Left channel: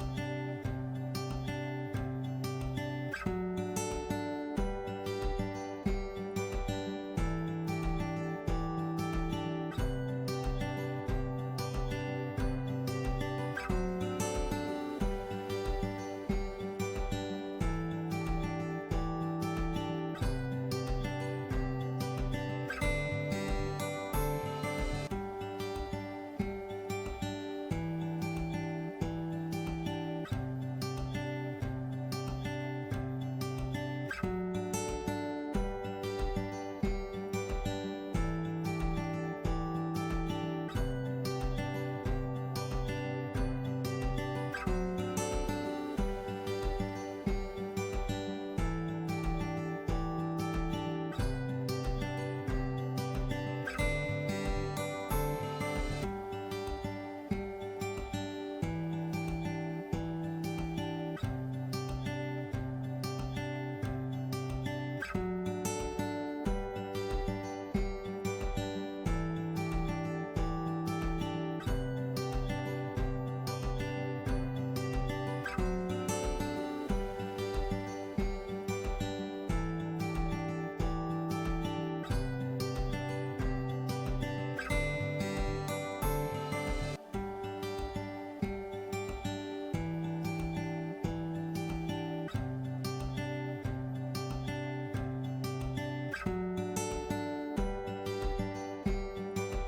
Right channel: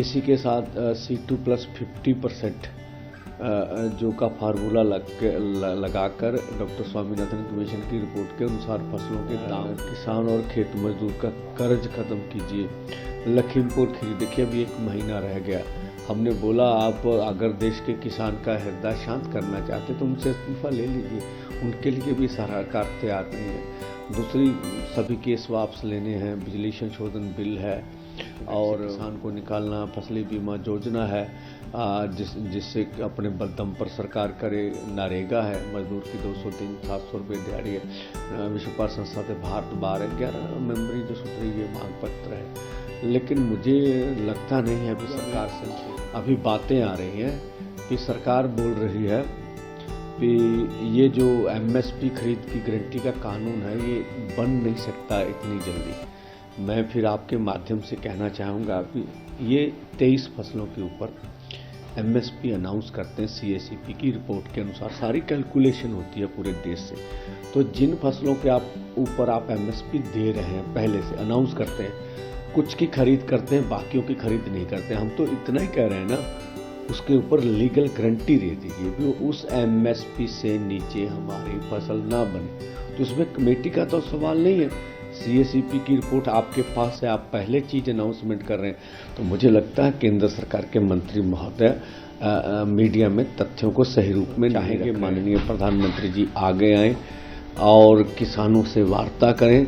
इसी के साथ C2+50% जो का फार्मूला लगाकर डॉक्टर स्वामीनाथन कमीशन की रिपोर्ट के अनुसार फसलों के दाम, किसान और खेत मजदूर का कर्ज खत्म कीजिए। लखीमपुर खीरी, देखिए अभी 1 महीना रह गया। हमने बोला आप अगर देश के किसान का हृदय शांत करना चाहते तो उनसे इस्तीफा ले लीजिए, उनके लिए भी सरकार तैयार नहीं है। दूसरी, सभी केस वापस लेने हैं, बिजली संशोधन बिल है और किसान को निकालना, फसली बीमा योजना है जिससे अपने बलदम पर सरकार करे, नरेगा है, मजदूर की 200-300-700 रुपये दिहाड़ी है, विश्व व्यापार संस्था से भारत 12-11 मेंबरी जो सूत्र ये मांग पत्र है। लेकिन मुझे लगता नहीं है अभी सरकार से अभी बातें आ रही हैं कि सरकार बोल रही है कि ये जो MSP खरीद की गारंटी का कानून है ये बन नहीं सकता इतनी जल्दी। मैं फिर आपके माध्यम से कहना चाहूँगा कि ये 23 फसलों के ऊपर MSP अनाउंस करते हैं। CACP की रिपोर्ट के अनुसार सारी कैलकुलेशन होती है पूरे देश से। तो जिन फसलों के ऊपर आप MSP दे रहे हैं, पहले से अनाउंस करते हैं, कुछ की खरीद करते हैं, बाकियों की खरीद नहीं करते। हम तो इतना ही कह रहे हैं ना, उसके ऊपर लीगल गारंटी दे दीजिए कि उस MSP से नीचे हमारी फसल ना बने। तो उसमें कमेटी का तो सवाल नहीं है। CACP की रिपोर्ट आपके पास है, आप पहले चीज़ अनाउंसमेंट कर रहे हैं। तो मुझे लगता है केंद्र सरकार के मंत्री महोदय मीडिया में तथ्यों को सही रूप में चाहेंगे। माननीय प्रधानमंत्री जी आगे आएँ और किसानों से वार्ता करें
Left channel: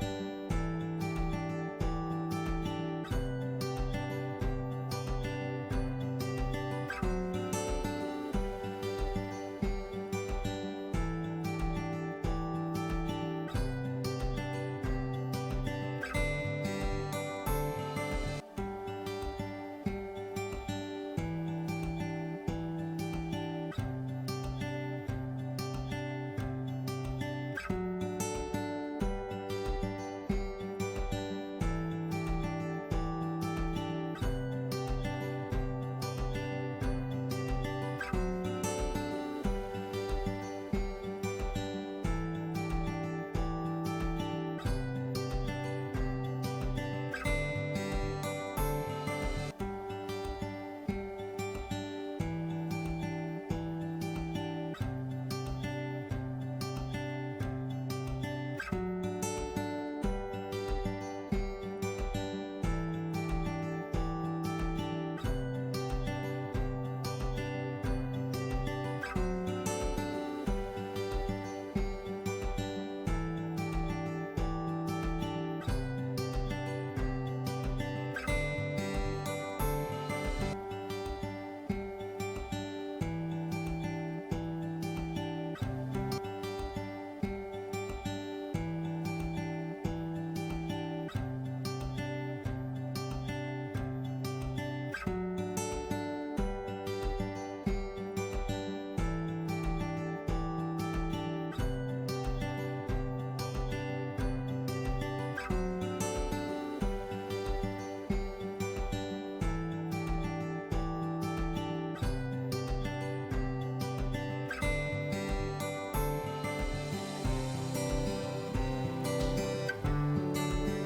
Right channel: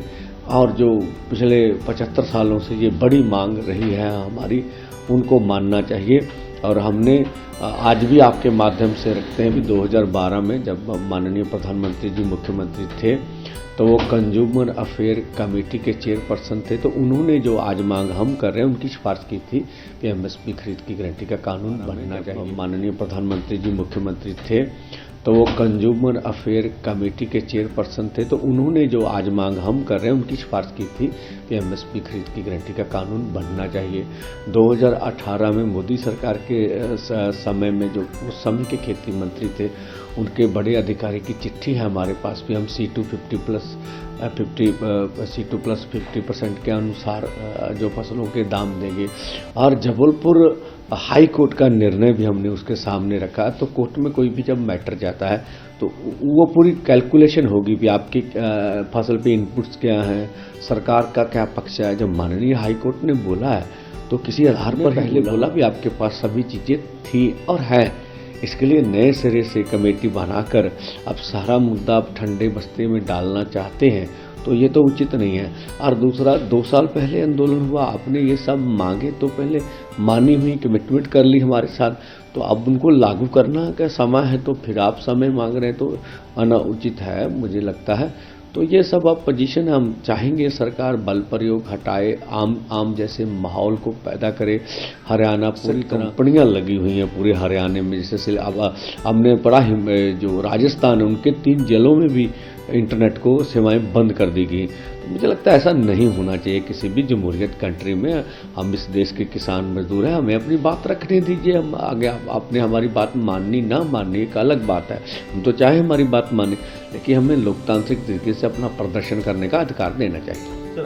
और जो पिछले 75 सालों से ये बड़ी मांग रही है हमारी, उनको मानना चाहिए। और हमने आज भी आपके माध्यम से रखते हैं कि 2012 में जब माननीय प्रधानमंत्री जी मुख्यमंत्री थे तो वो कंज्यूमर अफेयर कमेटी के चेयरपर्सन थे, तो उन्होंने जो आज मांग हम कर रहे हैं उनकी सिफारिश की थी कि MSP खरीद की गारंटी का कानून बनना चाहिए। माननीय प्रधानमंत्री जी मुख्यमंत्री थे तो वो कंज्यूमर अफेयर कमेटी के चेयरपर्सन थे, तो उन्होंने जो आज मांग हम कर रहे हैं उनकी सिफारिश की थी कि MSP खरीद की गारंटी का कानून बनना चाहिए। 2018 में मोदी सरकार के समय में जो उस समय के खेती मंत्री थे उनके बड़े अधिकारी की चिट्ठी है हमारे पास भी, हम C2+50% के अनुसार जो फसलों के दाम देंगे। और जबलपुर हाई कोर्ट का निर्णय भी हमने उसके सामने रखा। तो कोर्ट में कोई भी जब मैटर जाता है तो वो पूरी कैलकुलेशन होगी भी आपकी फसल पे इनपुट्स क्या हैं, सरकार का क्या पक्ष है। जब माननीय हाई कोर्ट ने बोला है तो किसी आधार पर पहले बोला भी आपके पास सभी चीज़ें थी और है। इसके लिए नए सिरे से कमेटी बनाकर अब सारा मुद्दा आप ठंडे बस्ते में डालना चाहते हैं तो ये तो उचित नहीं है। और दूसरा, 2 साल पहले आंदोलन हुआ, आपने ये सब मांगे तो पहले मानी हुई, कमिटमेंट कर ली हमारे साथ, तो अब उनको लागू करना का समय है तो फिर आप समय मांग रहे हैं तो अनाउचित है मुझे लगता है। तो ये सब अब पोजीशन हम चाहेंगे सरकार बल प्रयोग हटाए, आम जैसे माहौल को पैदा करे। हरियाणा पूरी कंपनियां लगी हुई हैं पूरे हरियाणा में, जैसे अब हमने पढ़ा जो राजस्थान है उनके 3 जिलों में भी इंटरनेट को सेवाएं बंद कर दी गई। मुझे लगता है ऐसा नहीं होना चाहिए किसी भी जमहूरियत कंट्री में। हम इस देश के किसान मजदूर हैं, हमें अपनी बात रखने दीजिए। हम आगे आपने हमारी बात माननी ना माननी एक अलग बात है, हम तो चाहे हमारी बात माने, लेकिन हमें लोकतांत्रिक तरीके से अपना प्रदर्शन करने का अधिकार देना चाहिए।